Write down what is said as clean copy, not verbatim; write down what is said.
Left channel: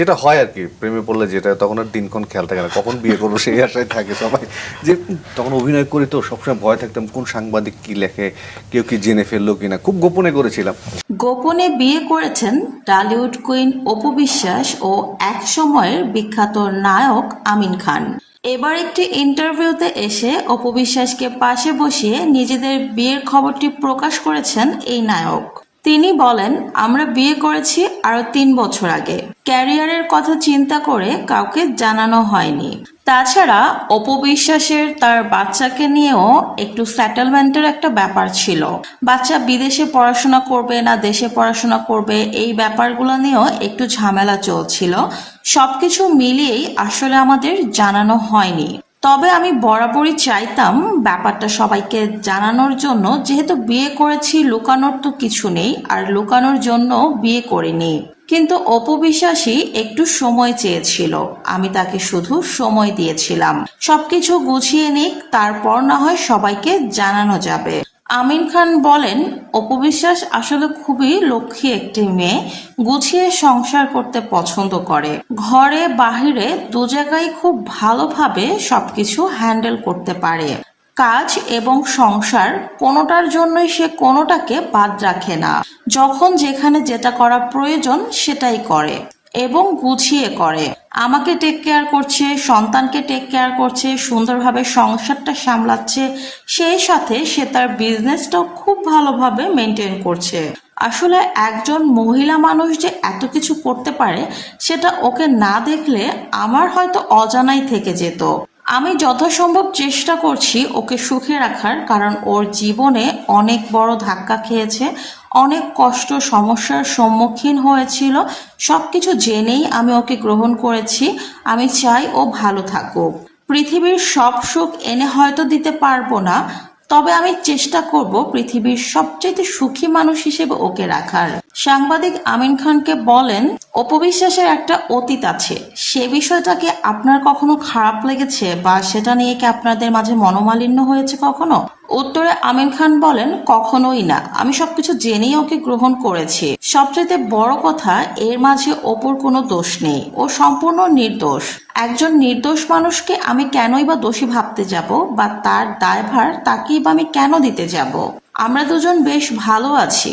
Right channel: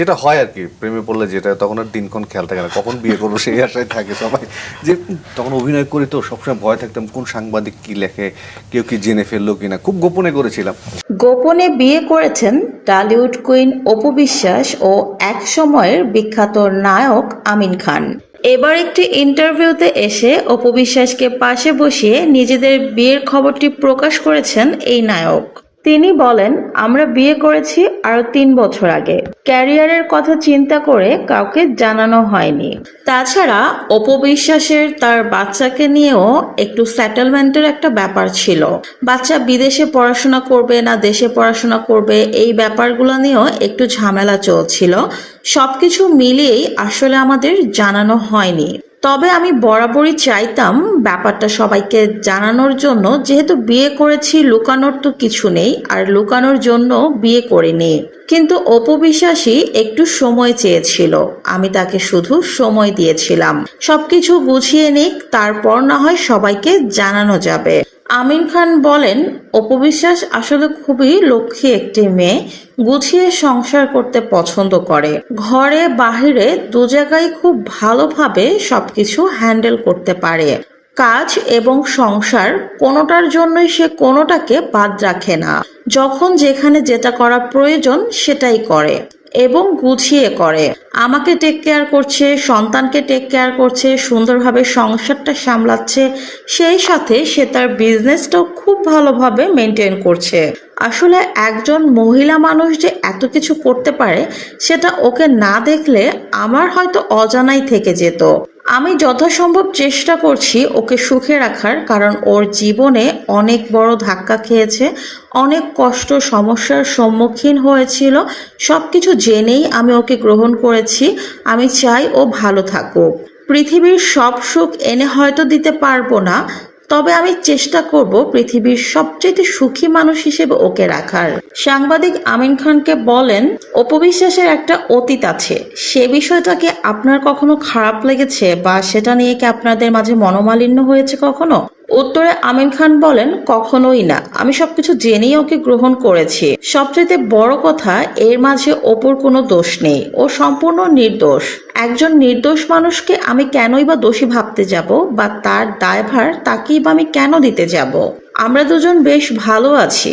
যেটা হয় আর কি প্রেমে পড়লে, যেটা তখন আর দিনক্ষণ খেয়াল থাকে না কখন বিয়ে করবো, সেই আশায় থাকে সবাই। যে তখন অভিনয় করি তো সবসময় ভয় থাকতাম কোন সাংবাদিক কি লেখে, কেউ কি জেনে ফেললো কিনা, খুব গোপনে করেছিলাম। গোপনে বিয়ে করেছেন টলিউড কুইন অপু বিশ্বাস ও এক সময়ের বিখ্যাত নায়ক আমিন খান। এবার একটি ইন্টারভিউতে এসে অপু বিশ্বাসকে পাশে বসিয়ে নিজেদের বিয়ের খবরটি প্রকাশ করেছেন এই নায়ক। তিনি বলেন, আমরা বিয়ে করেছি আরো 3 বছর আগে। ক্যারিয়ারের কথা চিন্তা করে কাউকে জানানো হয়নি। তাছাড়া অপু বিশ্বাসের তার বাচ্চাকে নিয়েও একটু সেটেলমেন্টের একটা ব্যাপার ছিল। বাচ্চা বিদেশে পড়াশোনা করবে না দেশে পড়াশোনা করবে, এই ব্যাপারগুলো নিয়েও একটু ঝামেলা চলছিল। সবকিছু মিলিয়েই আসলে আমাদের জানানো হয়নি। তবে আমি বরাবরই চাইতাম ব্যাপারটা সবাইকে জানানোর জন্য, যেহেতু বিয়ে করেছি, লুকানোর তো কিছু নেই, আর লুকানোর জন্য বিয়ে করিনি। কিন্তু অপু বিশ্বাসই একটু সময় চেয়েছিল, আমি তাকে শুধু সময় দিয়েছিলাম। সবকিছু গুছিয়ে নিক, তারপর না হয় সবাইকে জানানো যাবে। আমিন খান বলেন, অপু বিশ্বাস আসলে খুবই লক্ষ্মী একটি মেয়ে, গুছিয়ে সংসার করতে পছন্দ করে। ঘরে বাহিরে দু জায়গায় খুব ভালোভাবে সবকিছু হ্যান্ডেল করতে পারে। কাজ এবং সংসার কোনোটার জন্যই সে কোনোটাকে বাদ রাখে না। যখন যেখানে যেটা করা প্রয়োজন সেটাই করে এবং গুছিয়ে করে। আমাকে টেক কেয়ার করছে, সন্তানকে টেক কেয়ার করছে, সুন্দরভাবে সংসারটা সামলাচ্ছে, সেই সাথে সে তার বিজনেসটাও খুব ভালোভাবে মেনটেন করছে। আসলে একজন মহিলা মানুষ যে এত কিছু করতে পারে সেটা ওকে না দেখলে আমার হয়তো অজানাই থেকে যেত। আমি যথাসম্ভব চেষ্টা করছি ওকে সুখে রাখার, কারণ ওর জীবনে অনেক বড় ধাক্কা খেয়েছে, অনেক কষ্ট সমস্যার সম্মুখীন হয়েছিল। সবকিছু জেনেই আমি ওকে গ্রহণ করেছি। আমি চাই ও ভালো থাকুক। পৃথিবীর সব সুখ এনে হয়তো দিতে পারবো না, তবে আমি চেষ্টা করব পৃথিবীর সবচেয়ে সুখী মানুষ হিসেবে ওকে রাখার। সাংবাদিক আমিন খানকে বলেন, অপু বিশ্বাসের একটা অতীত আছে, সে বিষয়টাকে আপনার কখনো খারাপ লেগেছে বা সেটা নিয়ে কি আপনাদের মাঝে মনোমালিন্য হয়েছে কখনো? উত্তরে আমিন খান বলেন, কখনোই না, আমি সবকিছু জেনেই ওকে গ্রহণ করেছি। সবচেয়ে বড় কথা, এর মাঝে অপুর কোনো দোষ নেই, ও সম্পূর্ণ নির্দোষ। একজন নির্দোষ মানুষকে আমি কেনই বা দোষী ভাবতে যাব, বা তার দায়ভার তাকেই বা আমি কেন দিতে যাব? আমরা দুজন বেশ ভালো আছি।